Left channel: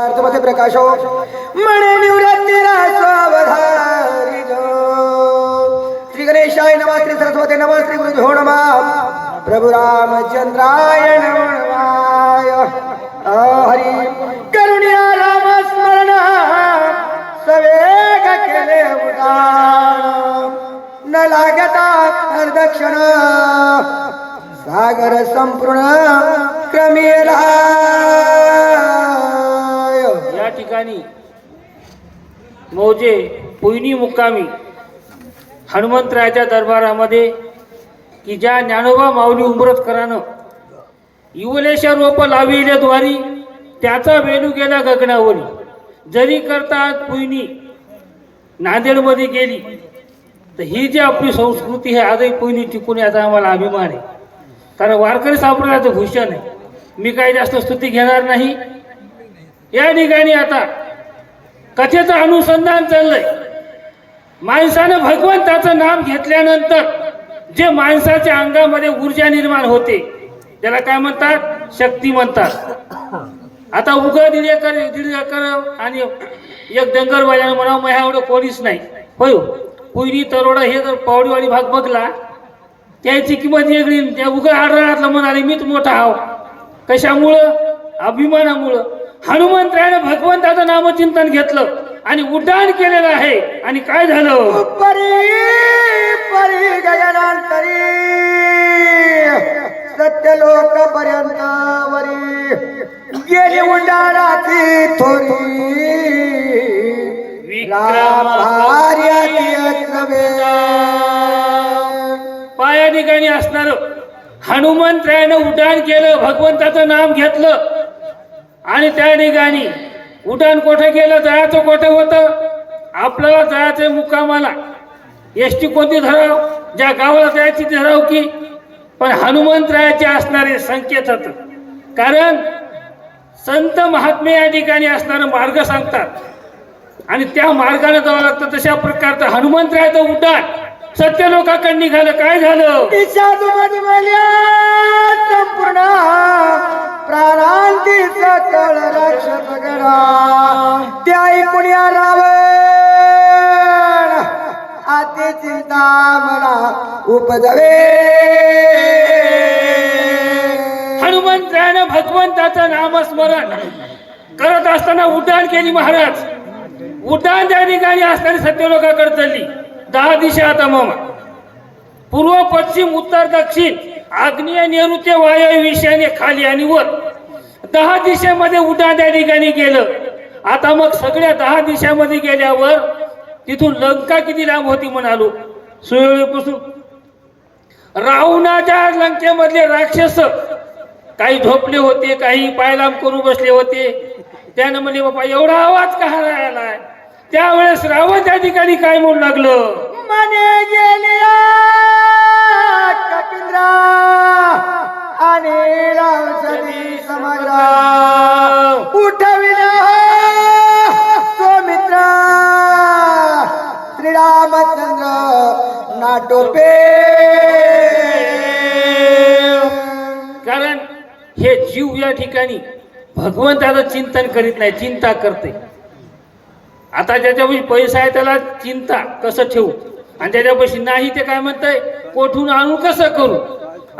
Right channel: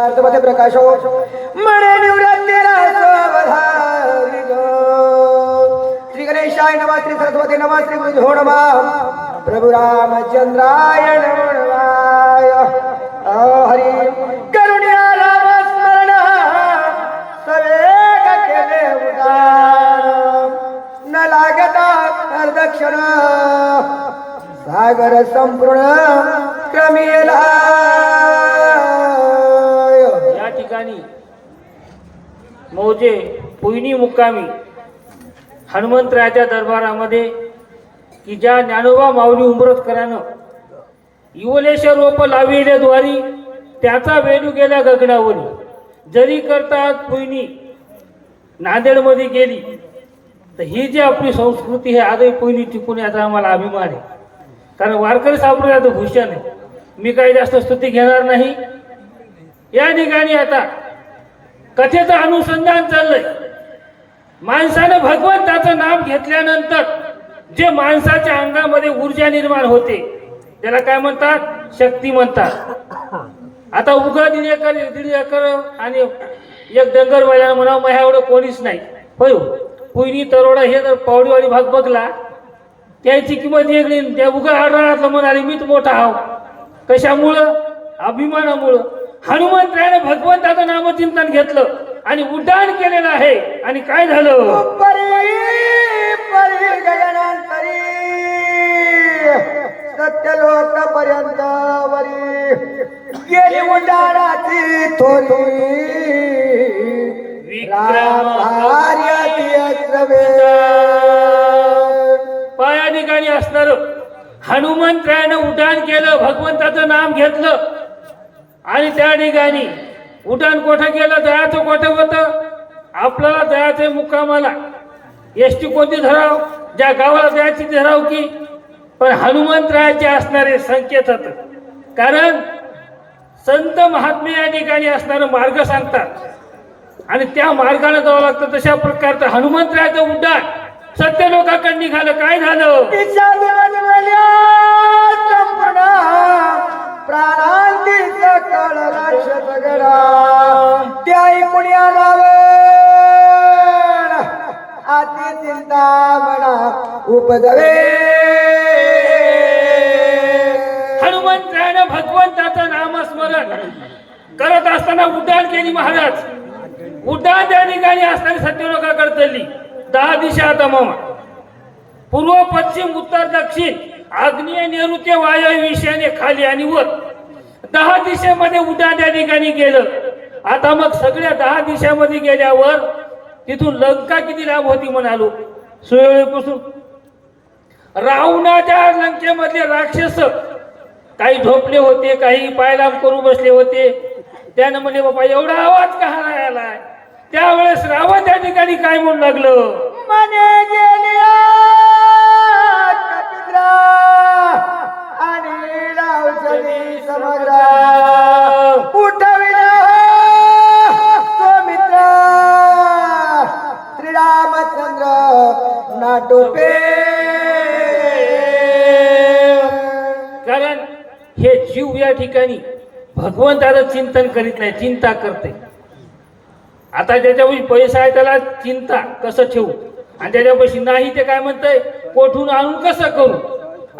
पार्थमध्ये प्रकाशो मणे निवृत्तीला स्वावधारी जो। श्री गणेशाय नमः श्री सरस्वती नमः श्री गुरुभ्यो नमः। प्रभु रामचंद्राय नमः हरी। करुणिया राम स्मरण। सवेग केले उदान। न लागता प्रदक्षिण। सागर संपूर्ण क्रमेला ठिकाणी मौजे पुयनी मुक्कामी हनुमंतरायाच्या दरबारामध्ये की ज्या ज्ञानोबा माऊली उंबरतकरानं युवलेश्वर रोप लाविले द्वारी त्याचा वेणू गेला गगनावरी जरी करतात पुयनी नांदेडमध्ये गेली तर ही जी आपली संस्कृती आहे आजही पुयनी टिकून याचा आम्हाला अभिमान आहे. कारण वारकरी संप्रदायाचं भूषण आहे. मी काही जास्त स्तुती घेणार नाही. या ठिकाणी आता कथेचं अनुसंधान चाललंय. माणसानं भगवंताचं नाम घेतल्यानंतर जे माणसाच्या अंगामध्ये ऊर्जा निर्माण होते त्याला काय म्हणतात? शक्ती म्हणतात. आता उगा दिलेकर दिलेकर आणि एक डंगर बैलानं म्हणावं मग एवढं कोणीच नाही. होय पुयनी तरोडा हे जर पावडीवाडी भाग बघला त्याची किंमत वेगळी त्या उगा आढळातलं म्हणाले मीच मोठा हाव. कशामुळं? अभिमानामुळं. हनुमंतरायानं भगवंताचं नामचिंतन घेतलं आणि उड्डाण केलेलं आहे. आणि काय झालं? परी परी गगनांतरी. सत्य लोक पर्यंत वरी. गेली उंडाराची थोरी. पाया ठिकाणी असणार. हनुमंतरायानं उड्डाण केलं भगवंताचं नाम घेतलं. आणि त्या ठिकाणी उड्डाण कोठं गेलं जयाचं कोठं होतं? आपल्याला जायचं मुक्कामाला. एस टी कोणती धराव? ज्या गावाला जायची ती धराव की? पण हनुमंतरायाचे असणारे संकेत होत कारण संत महात्मे या ठिकाणी असणारा मार्ग सांगतात. आणि त्या मार्गाने जावं लागतं. तशा प्रकारचं हनुमंतरायाचं उड्डाण सत्य लोकांकडे निघालं. काय झालं? प्राणांतीचा कळ राक्षस गणा त्या ऐकून आलावण आते चिंता मना उपजवे. हनुमंतरायानं भगवंताचं नामस्मरण करत असताना उड्डाण केली महाराज. उड्डाण त्या ठिकाणी असताना सत्य चालली. दहा दिशा आता मामा पूर्व पश्चिम उत्तर दक्षिण. आग्नेय नैऋत्य वायव्य विषयाने खाली आणि वर दहा दिशेमध्ये उड्डाण त्या ठिकाणी गेलं. आता मग सगळ्या दहा दिशामध्ये गेल्यावर तिथून लंका किती लांब होती म्हणालो? सुळेपासून रावणाच्या लंकेमधले राक्षस काही झोपले होते काही पायलाम करू बसले होते. त्यानं म्हणजे बाबा एवढा आवाज का आलाय? त्यावेळेस रावण त्या ठिकाणी काय म्हणू लागलं? मने गेल्या कपिंद्रा आणि रावजनी समजा उठविला स्वमित्र श्रीरामचंद्र नाटोपे कारण हे जीव या ठिकाणी भगवंताचं चिंतन करीत नाही चिंता करते. आता ज्याच्यापाशी पैसा आहे त्याला चिंता कसं ठेवू? आणि ज्याच्यापाशी नाही ते काय म्हणतंय? कोठून आणू कसं करू?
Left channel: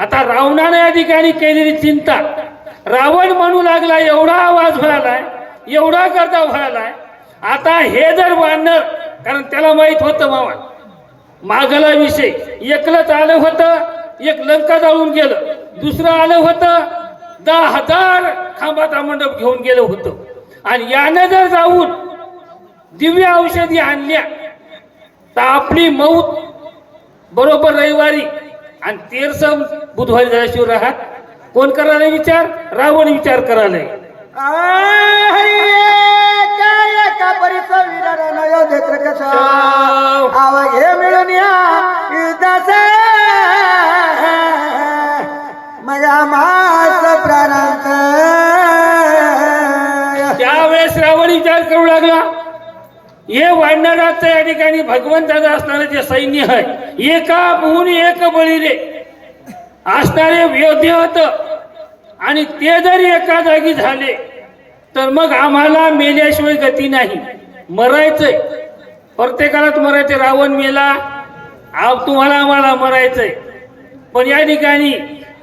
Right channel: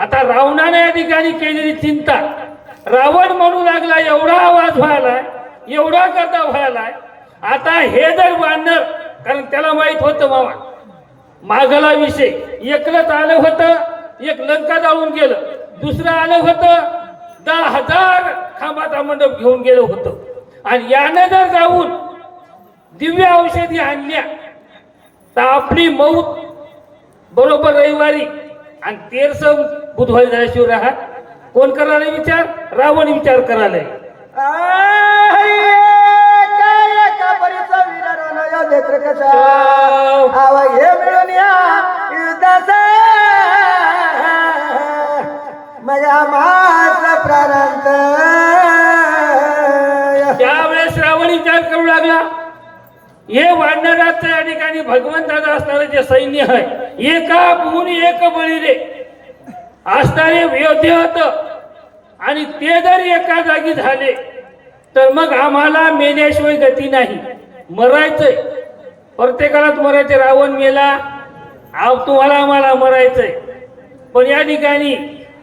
आता रावणाने या ठिकाणी केलेली चिंता. रावण म्हणू लागला एवढा आवाज व्हायलाय एवढा करता व्हायलाय आता हे जर वानर कारण त्याला माहीत होतं मामा मागला विषय. एकलंच आलं होतं एक लंका जाळून गेलं दुसरं आलं होतं दहा हजार खांबाचा मंडप घेऊन गेलं होतं. आणि यानं जर जाऊन दिव्य औषधी आणल्या तर आपली मौत बरोबर रविवारी आणि तेरस बुधवारी झाल्याशिवाय राहत. कोण करायला विचार? रावण विचार करायलाय हे मिळून या. युद्धाचा माझ्या मास प्राणांत त्यावेळेस रावण विचार करू लागला. हे वाढणारा या ठिकाणी भगवंताचा असणारं जे सैन्य आहे एका भून एक बळी रे असणारे योद्धे होत. आणि ते जरी एका जागी झाले तर मग आम्हाला मेल्याशिवाय गती नाही. मरायचंय. प्रत्येकालाच मरायचे रावण मेला तुम्हाला आम्हाला मरायचंय. पण या ठिकाणी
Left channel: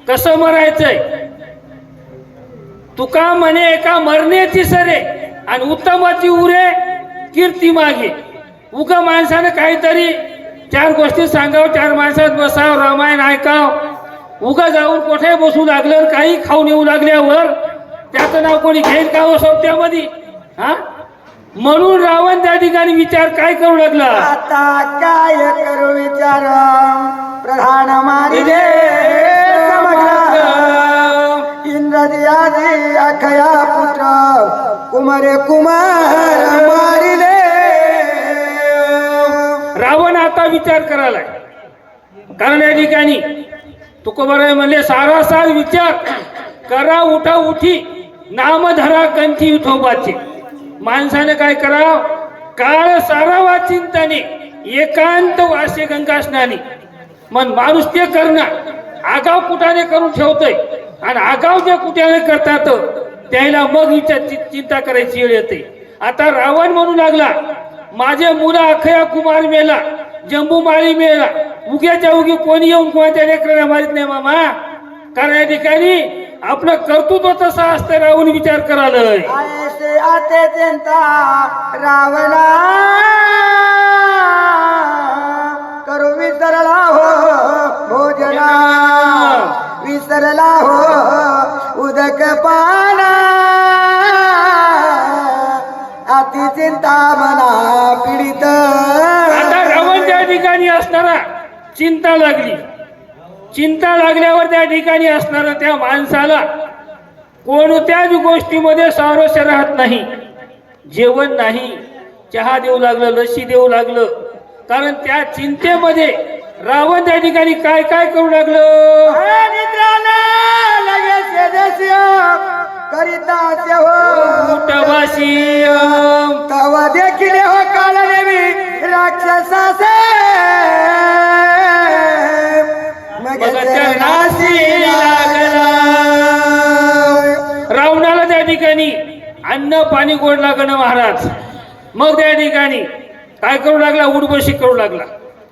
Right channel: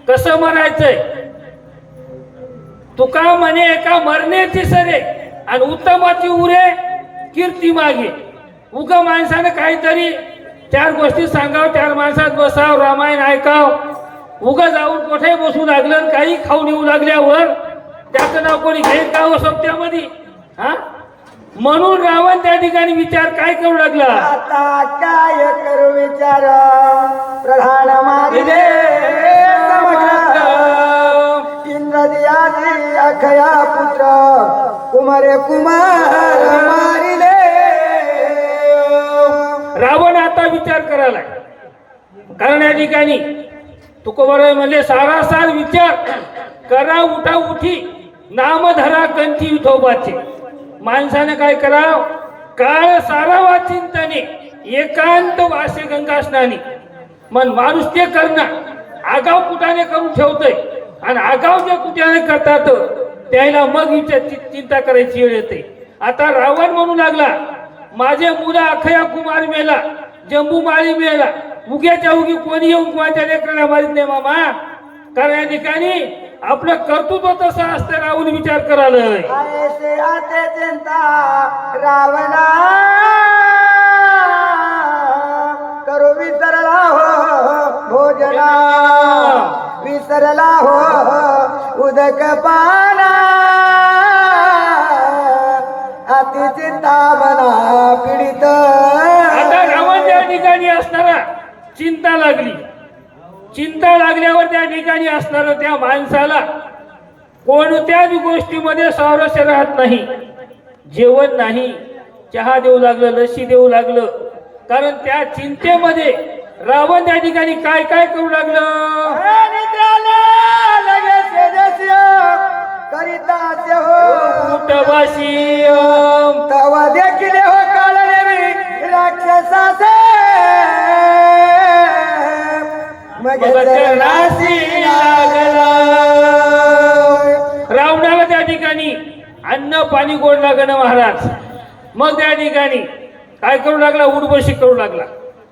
कसं मरायचंय? तुका म्हणे एका मरण्याची सरे आणि उत्तमाची उरे कीर्ती मागे. उग माणसानं काहीतरी चार गोष्टी सांगाव चार माणसात बसाव रामायण ऐकाव. उग जाऊन कुठे बसू लागलं काही खाऊन येऊ लागल्यावर त्याचं नाव कोणी घेईल का हो सोबत्यामध्ये हा? म्हणून रावण त्या ठिकाणी विचार काय करू लागला? आता काय करू विचार? प्रधान मारिले आता विचार करायला कारण या ठिकाणी तुकोबराय म्हणले सारासार विचार करा उठा उठी नाम धरा कंठी विठोबाचे माणसाने काय कराव? काळ सारावा चिंताने एकांत वासे गंगा स्नानी मन माणूस ते करणं आगाव कुठाने करून ठेवतोय? आणि आगाव जे कुठ्याने करतात त्याला मग विचार चि- चिंता करायची वेळ येते. आता रावण म्हणू लागला माझे मुलं अखया कुमार मेला जम्बू माळी मिळेला उग्याच्या उगी कोणी येऊन कोणाच्या लेकराला मारित नाही मामा? कारण या ठिकाणी आपलं कर्तृत्व तसं असतं राहून विचार करायला रावला आते करू विसरला हो भोजना. विसरला हो उदक पाना. अति चिंता मना पीडित. ठिकाणी असणारा चिंता लागली. चिंता लागल्यावर त्या ठिकाणी असणारा त्या माणसाला कोणत्याच गोष्टीमध्ये स्वारस्य राहत नाही. जेवण नाही चहा देऊ लागलं लस्सी देऊ लागलं. कारण त्या चिंतेमध्ये रावण त्या ठिकाणी काय काय करू लागलं? करिता मग लागला. रावणाला त्या ठिकाणी अन्न पाणी गोड लागणं महाराज. मग त्या ठिकाणी काय करू लागला? उडबशी करू लागला.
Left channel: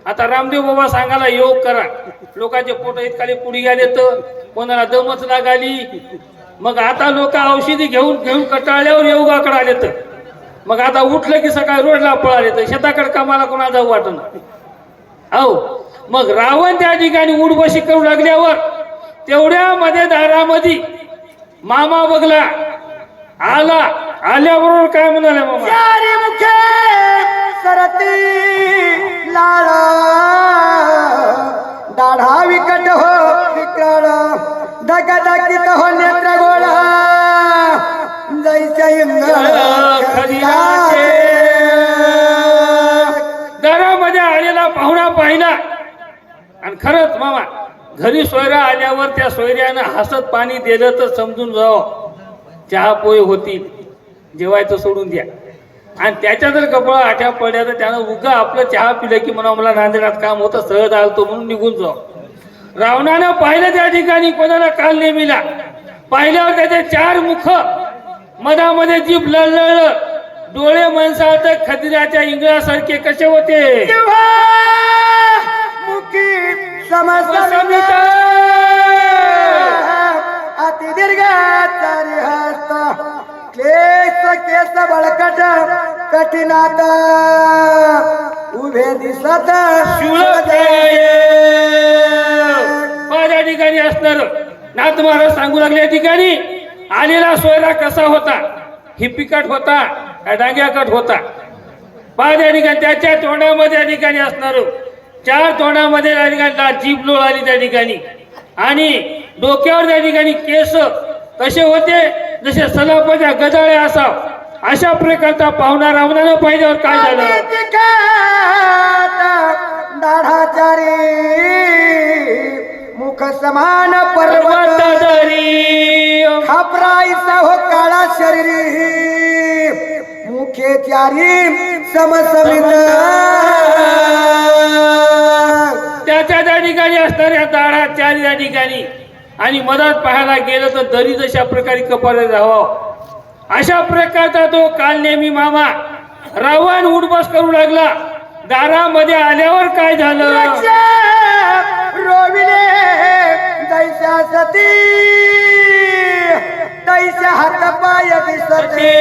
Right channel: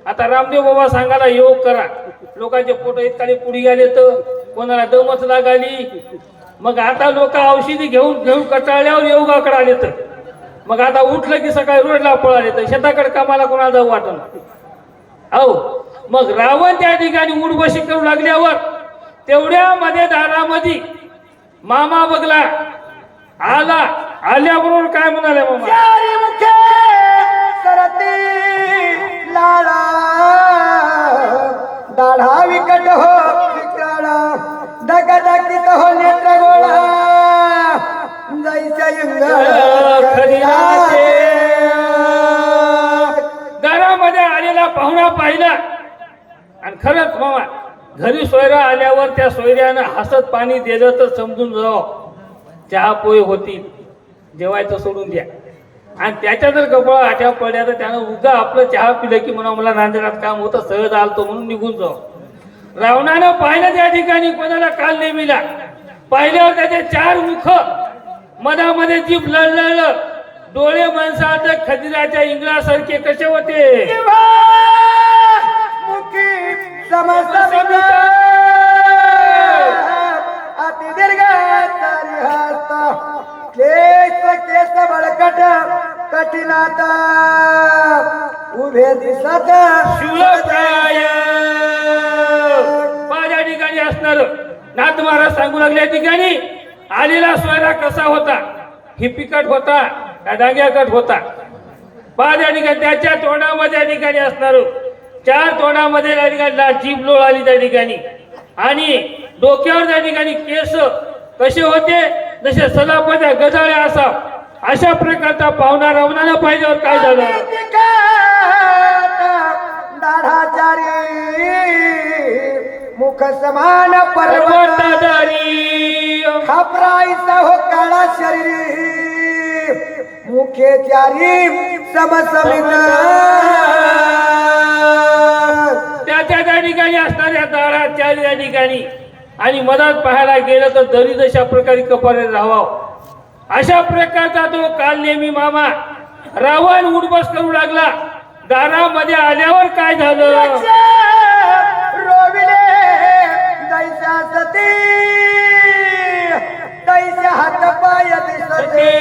आता रामदेव बाबा सांगायला योग करा. लोकांचे पोट इतकाले पुढी गेले तर कोणाला दमच लागाली. मग आता लोक औषधी घेऊन घेऊन कटाळल्यावर योगाकडे आले तर. मग आता उठलं की सकाळी रोडला पळाले तर. शेताकडे कामाला कोणाला जाऊ वाटणं हो मग रावण त्या ठिकाणी उडबशी करू लागल्यावर तेवढ्या मध्ये दारामध्ये मामा बघला आला आल्याबरोबर काय म्हणाले सरती लाळ दाढा विकट हो विक्राळ दगदगित हो नेत्र गोळा जैच्या खदिराचे घरामध्ये आलेला पाहुणा पाहिला आणि खरंच मामा घरी सोयऱ्या आल्यावर त्या सोयऱ्यानं हसत पाणी दिलं तर समजून जावं. चहा पोहे होतील जेवायचं सोडून द्या. आणि त्याच्या जर कपडा आठ्या पडल्या तर त्यानं उगा आपलं चहा पिलं की म्हणा मला नांदेडात काम होतं सहज आलतो म्हणून निघून जाऊ रावणानं पाहिलं त्या ठिकाणी कोणाला काल नेमिला पाहिल्यावर त्याचे चार मुख मधामध्ये जीभ लळलळ डोळे माणसात खदिराच्या इंगळासारखे कसे होते? समसमित अति दीर्घ चारी हस्त केस केस बळकट कठीणात. उभे दिसत. माझ्या ठिकाणी असणार ना तुम्हाला सांगू लागल्या ठिकाणी. आलेला सोयरा कसा होता? हिप्पिकट होता का डाग्याकट होता. माझ्या ठिकाणी त्याच्या तोंडामध्ये ठिकाणी असणार चार तोंडामध्ये त्या ठिकाणी जीभ लोळ आली त्या ठिकाणी. आणि डोक्यावर त्या ठिकाणी केस कसे होते जसे सलापाच्या गजाळ्या असाव अशा प्रकारचा पाहुणा रावणाला पाहिजेवर काय झालं? मुख समान पर्वत पर्वताधारी. खापराईचा हो काळा शरीर मुखे चारी समसमित. त्याच्या त्या ठिकाणी असणाऱ्या चारी त्या ठिकाणी आणि मदत पाहायला गेलं तर दरी जशा प्रकारे कपाळे राहावं. अशा प्रकारचा तो काल नेहमी मामा रावण उडबस करू लागला. दारामध्ये आल्यावर काय झालं? रोविले दैसा सती दैसा हात पाय दिसते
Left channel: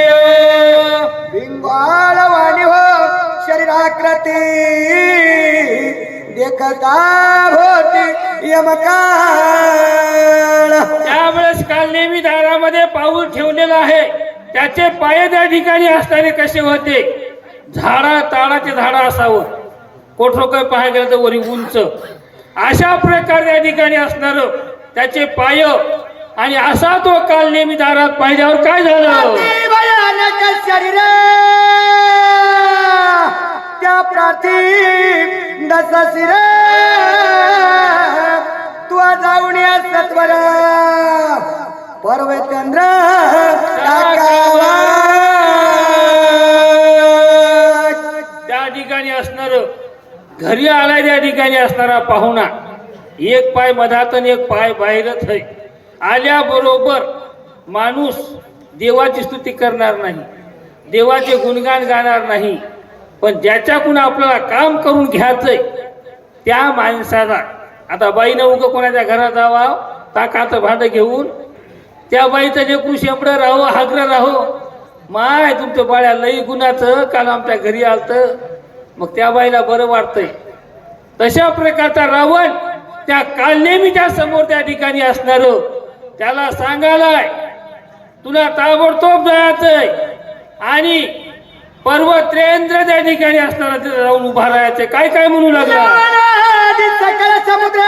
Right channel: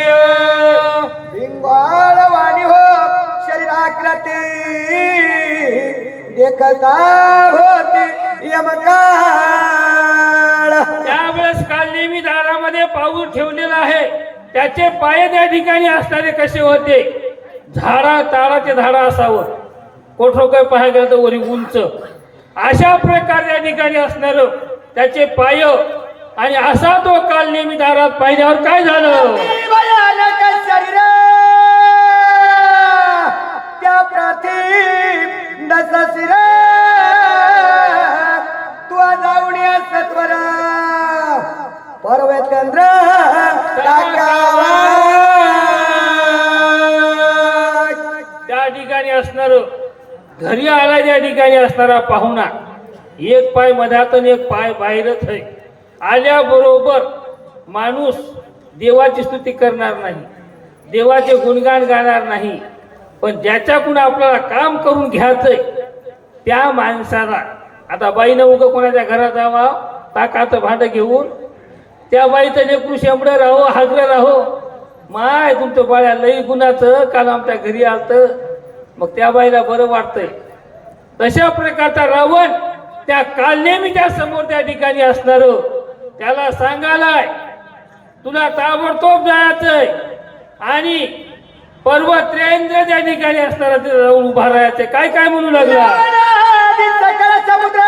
बिंगाळ वाणी हो शरीराकृती देखता होती यमकाळ त्यावेळेस काल नेहमी दारामध्ये पाऊल ठेवलेलं आहे. त्याचे पाय त्या ठिकाणी असणारे कसे होते? झाडा ताडाचे झाड असावं. कोठो काय पाहायला गेलं तर वरी उंच. अशा प्रकारे त्या ठिकाणी असणार त्याचे पाय आणि असा तो काल नेहमी दारात पाहिल्यावर काय झालं? शरीर. त्या प्रार्थी दस शिर तू जाऊन या सत्वर. पर्वतेंद्र त्या ठिकाणी असणार घरी आलाय त्या ठिकाणी असणारा पाहुणा. एक पाय मधात आणि एक पाय बाहेरच आहे. आल्याबरोबर माणूस देवाची स्तुती करणार नाही देवाचे गुणगान गाणार नाही. पण ज्याच्याकडून आपल्याला काम करून घ्यायचंय त्या माणसाला आता बाईनं उगं कोणाच्या घरात जावा ताकाचं भांडं घेऊन त्या बाईचं जे कृषी राहो हागरं राहो माय तुमचं बाळ्या लई गुणाचं काल आमच्या घरी आलतं. मग त्या बाईला बरं वाटतंय. तशा प्रकारचा रावण त्या काल नेहमीच्या समोर त्या ठिकाणी असणार. त्याला सांगायलाय तुला ताबडतोब जायचंय आणि पर्वत्रेंद्र त्या ठिकाणी असणारा तिथं जाऊन उभा राहायचंय काय काय म्हणू लागला? सकल समुद्र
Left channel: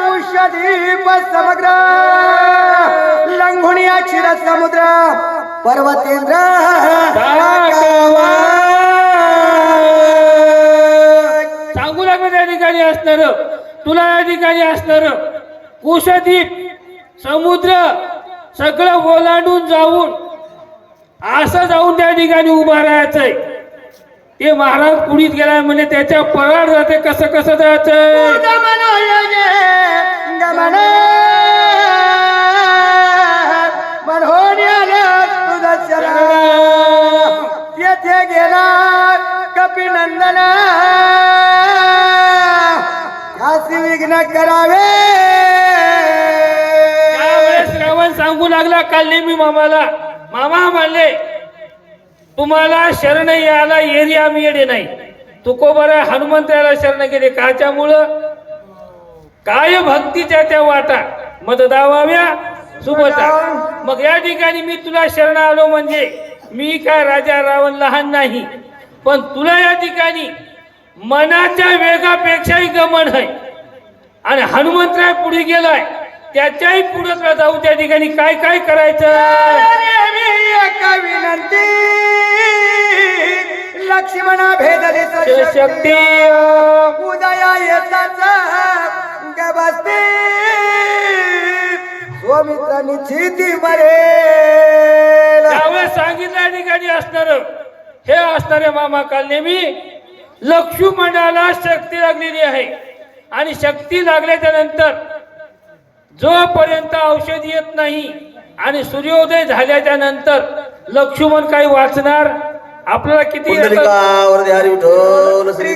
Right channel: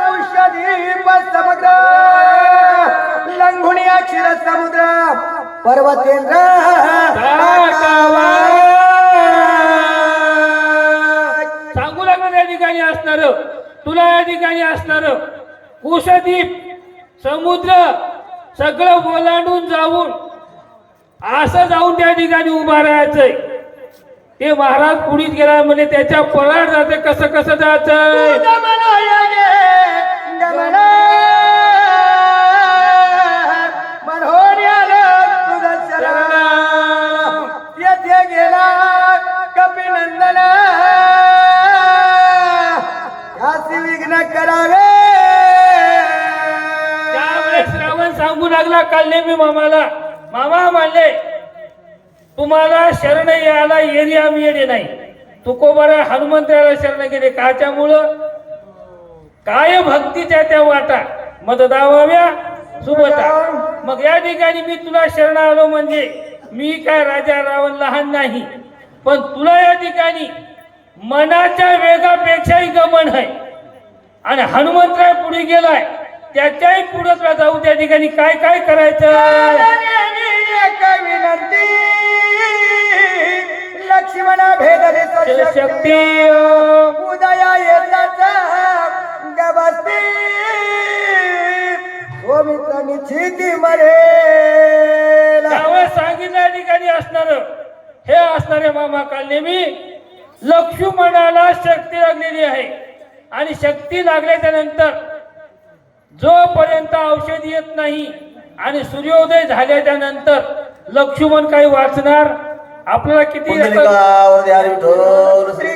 कुशदीप समग्र लंघुणी क्षीर समुद्र पर्वतेंद्र सांगू लागलं त्या ठिकाणी असणार. तुला या ठिकाणी असणार कुशदीप समुद्र सगळं ओलांडून जाऊन असं जाऊन त्या ठिकाणी उभा राहायचंय ते महाराज पुढीत गेलाय म्हणजे त्याच्या पराड जाते कसं कसं जायचंय येथे गेला विघ्न करावे श्रावण सांगू लागला काल नेहमी मामाला मामा म्हणले तुम्हाला शरण यायला येरी आम्ही येणे नाही तुकोबर हनुमंताला शरण गेले. काच्यामुळं? काय भक्तीच्या त्या वाटा? मद दावाव्या? सुबता. मग या ठिकाणी मी तुला शरण आलो म्हणजे मी काय राजा रावण लहान नाही. पण तुला या ठिकाणी मनाच्या वेगापेक्षाही गमन आहे. आणि हनुमंतराय पुढे गेलाय त्याच्याही पुढे जाऊ त्या ठिकाणी काय काय करायचं एका विनंती? लक्ष्मणा भेद शक्ती. उदया येतात गबसती स्वमित्र निश्चिती मरेल. त्यावेळेस सांगितलं ठिकाणी असणार हे असणारे मामा काल नेहमी लक्ष्मणाला शक्ती लागलेली आहे. आणि शक्ती लागल्याच्या नंतर जोपर्यंत औषध येत नाही आणि सूर्योदय झाल्याच्यानंतर लक्ष्मण काही वाचणार? आपल्याला किती श्री